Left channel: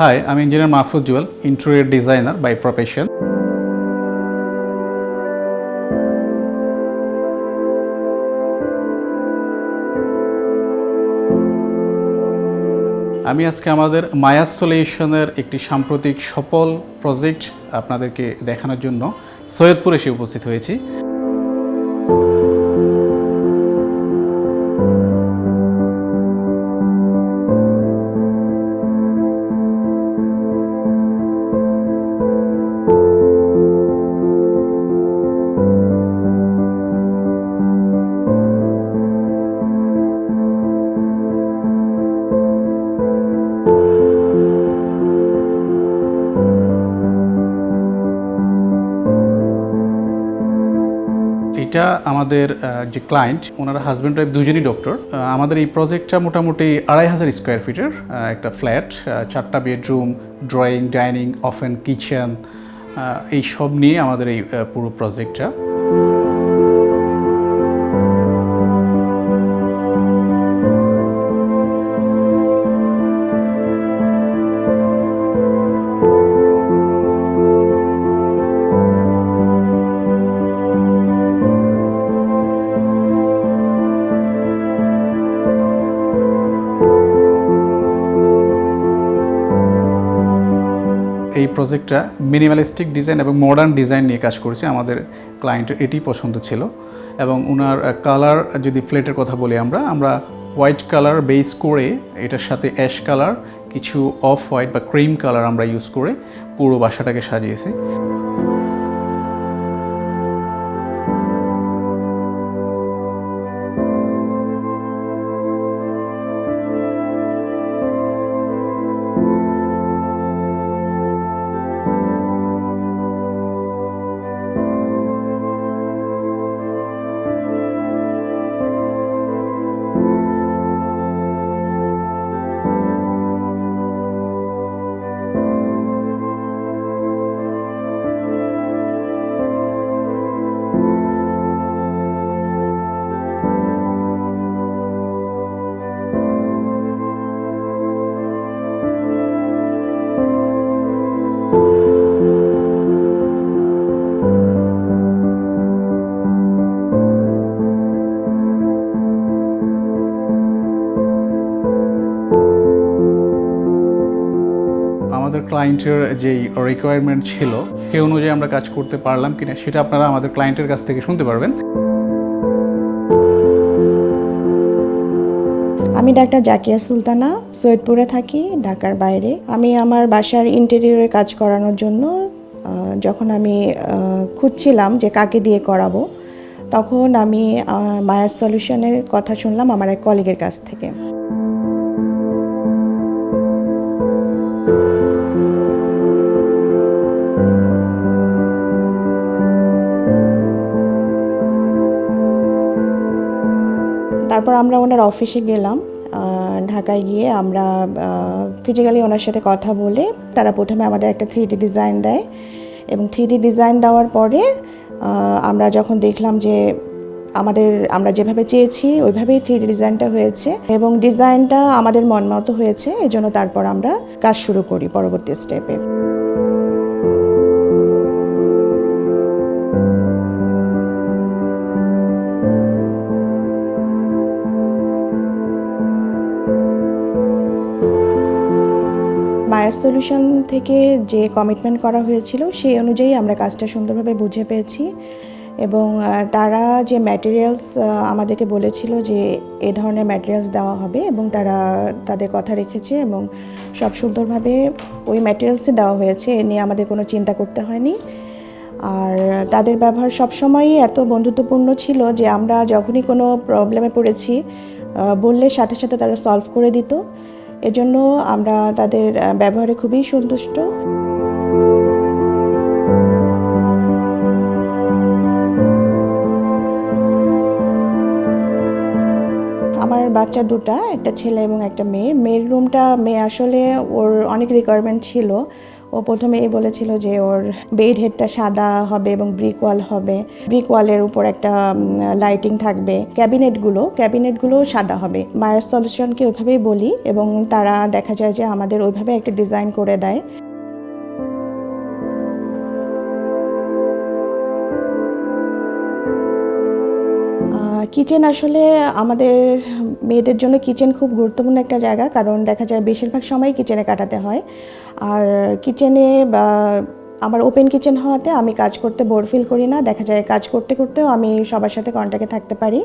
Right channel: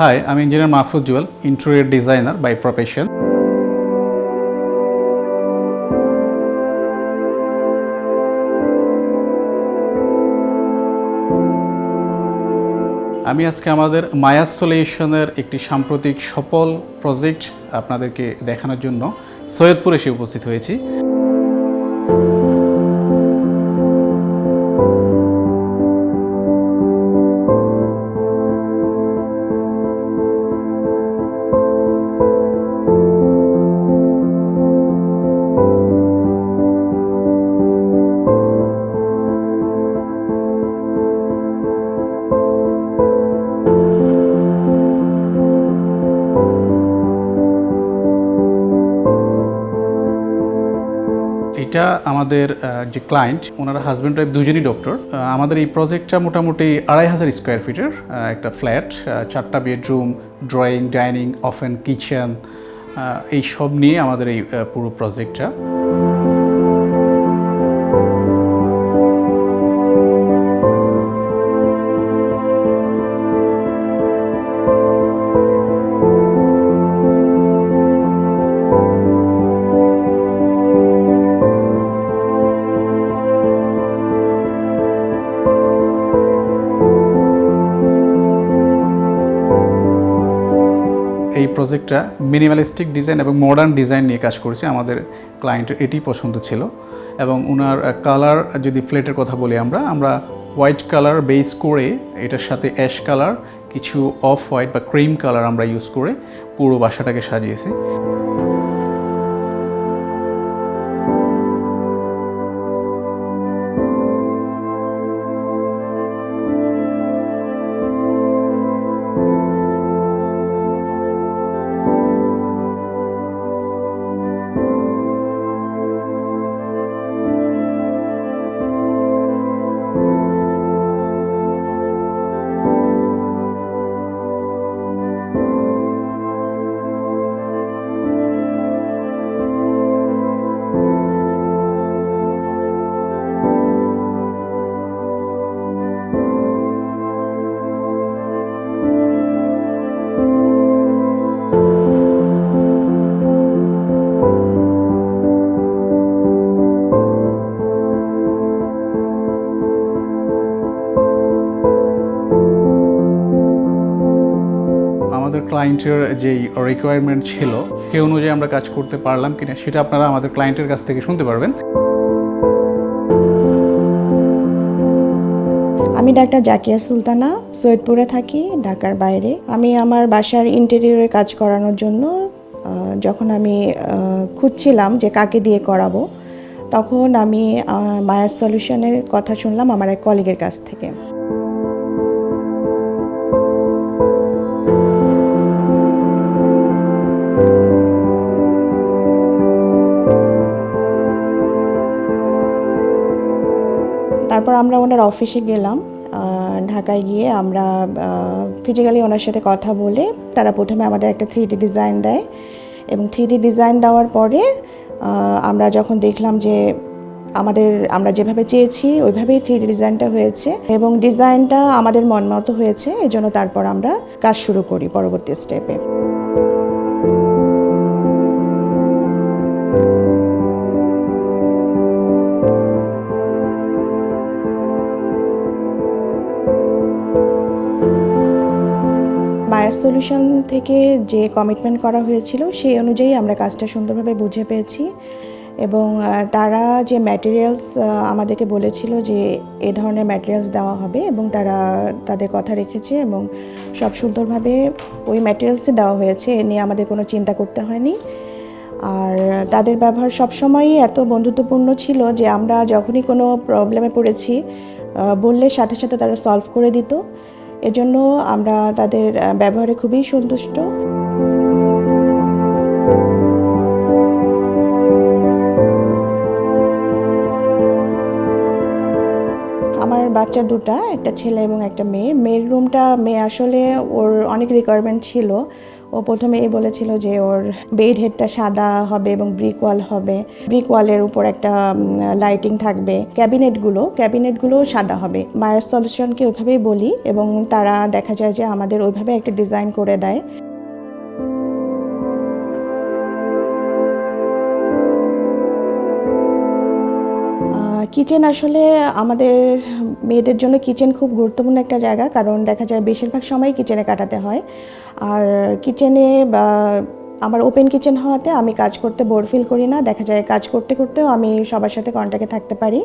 High আমি engineer Mahfuz Jewel interior designer by profession আমি আজকে আমাদের মায়াস সলিউশনের একটি সাম্প্রতিক সফল প্রজেক্ট আপনাদেরকে দেখানোর জন্য সৈয়দপুর এসে উপস্থিত হয়েছি। এটা আমাদের যে ক্লায়েন্ট ওনার হাজব্যান্ড ওয়াইফ দুজনই ডক্টর আমাদের এই প্রজেক্টটা মোটামুটি আড়াই হাজার স্কোয়ার ফিটের একটা ফ্ল্যাট চারটা bedroom drawing dining open kitchen এই সব নিয়ে আমাদের এই পুরো প্রজেক্টটা এই প্রজেক্টটা মিনিমালিস্টিক ডিজাইন এবং মডার্ন ডিজাইন নিয়ে কাজ করেছি আমাদের ক্লায়েন্টের এটি পছন্দ ছিল। এবং ওনার কালার যদি ফ্লেটের কথা বলি আমরা আমরা হোয়াইট কালার বেস করে এটার সাথে অ্যাশ কালার কিছু অফ হোয়াইট বা ক্রিম কালার আমরা ইউজ করে পুরো বাসাটাকে সাজিয়েছি। আমাদের ক্লায়েন্টের যেই রিকোয়ারমেন্ট ছিল, সেই অনুযায়ী আমরা কাজ করতে পারলাম কিনা, সেটা আপনারা আমাদের ক্লায়েন্টের কাছ থেকে শুনতে পারবেন। আমি ডাক্তার জাকিয়া সুলতানা, সৈয়দপুরে থাকি, ঢাকার বাইরে। আমি আমার বাসার ইন্টেরিয়রে কাজ করানোর জন্য যখন আমি খুঁজছিলাম যে কাকে দিয়ে করাবো, তখন আমি মায়া সলিউশনের কথা শুনলাম আমার এক কলিগের কাছ থেকে। তারপর আমরা ওনার অফিসে গেলাম ঢাকায় গিয়ে আমরা ফিজিক্যালি ওনার সাথে কথা বলে তারা প্রথমে আমাদের একটা থ্রি ডিজাইন দেয় এবং থ্রি ডিজাইন দেওয়ার পরে আমরা যখন দেখলাম যে আমাদের, আমরা যেভাবে চেয়েছি ওইভাবেই থ্রি ডিজাইনটা হয়েছে এবং ডিজাইনটা আমাদের মন মতো হয়েছে, এজন্য তারপর আমরা কাজ শুরু করি পরবর্তী স্টেপে বায়ার সলিউশন থেকে যে কমিটমেন্ট করা হয়েছিল, সেই অনুযায়ী আমরা কাজটা সুন্দরভাবে বুঝে পেয়েছি। এবং তারা যে ম্যাটেরিয়ালস আমাদেরকে বলেছিল যে এ ধরনের ম্যাটেরিয়ালস দেওয়া হবে এবং তারা তাদের কথা রেখেছে এবং সব সুন্দরভাবে ওই ম্যাটেরিয়ালসই দেওয়া হয়েছে। এ নিয়ে আমাদের কোনো চিন্তা করতে হয়নি। আর তাদের ব্যবহার সবসময়ই এত বন্ধুত্বপূর্ণ ছিল যে আমরা যখনই কোনো প্রবলেমে পড়েছি বললে সাথে সাথে তারা সলভ করে দিত। এজন্য আমরা তাদের ব্যবহারে খুবই সন্তুষ্ট। আমার বাচ্চা দুটা, একটা ছেলে এবং একটা মেয়ে। মেয়ের রুমটা মেয়ে আসলে ওর অনেক রিকোয়ারমেন্ট ছিল। ও প্রথমে এই বলেছিল যে ওর বেড হেডটা সাদা হবে এবং ব্রিক ওয়াল হবে। ব্রিক ওয়ালের উপর একটা লাইটিং থাকবে। ক্যাবিনেটগুলো ক্যাবিনেটগুলো সাদা হবে। মায়ের সলিউশনকে ওইভাবেই বলি এবং তারা দেখা যায় যে আমাদের ওইভাবে একটা ডিজাইন করে দেয়। কিচেন আসলে আমাদের মেয়েদের জন্য কিচেন খুব গুরুত্বপূর্ণ একটা জায়গা, কারণ দেখা যায় বেশিরভাগ সময় কিচেনে কাটাতে হয়। আর কিচেনে বা আমার ওপেন কিচেন হওয়াতে আমি কাজ করতে বোর ফিল করি না, দেখা যায় কাজ করতে করতেও আমি সবার সাথে কন্ট্যাক্টে থাকতে পারি।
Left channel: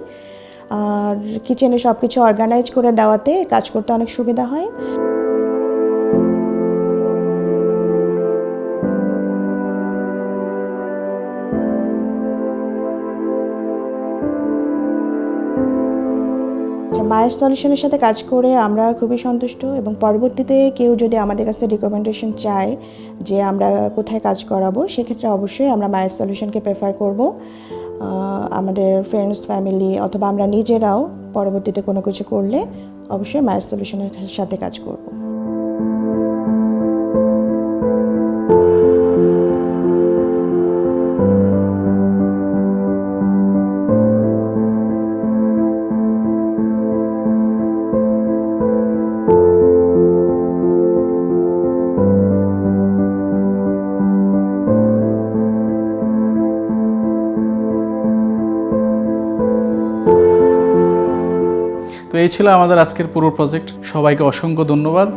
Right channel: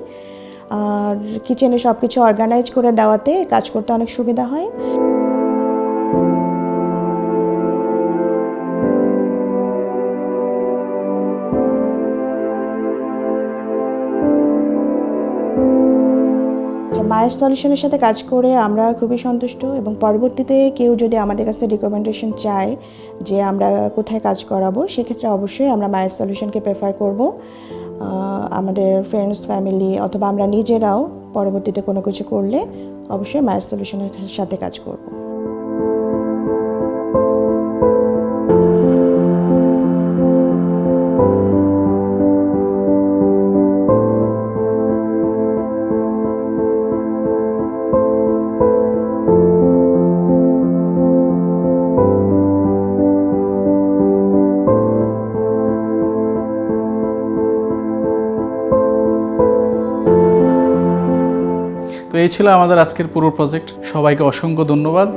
আর কিচেনে সব কিছু অর্গানাইজ করে দেওয়াতে কাজ করতে অনেক সুবিধা হয়। মায়ের সলিউশনের সাথে কাজ করে আমরা খুবই সন্তুষ্ট এবং পরবর্তীতে কেউ যদি আমাদের কাছে রিকমেন্ডেশন চায় যে আমরা কোথায় কাজ করাবো, সেক্ষেত্রে অবশ্যই আমরা মায়ের সলিউশনকে প্রেফার করব আমাদের ফ্রেন্ডস ফ্যামিলি অথবা আমরা নিজেরাও পরবর্তীতে কোনো কিছু করলে অবশ্যই মায়ের সলিউশনের সাথে কাজ করব। তো এই ছিল আমাদের আজকের পুরো প্রজেক্ট সবাইকে অসংখ্য ধন্যবাদ।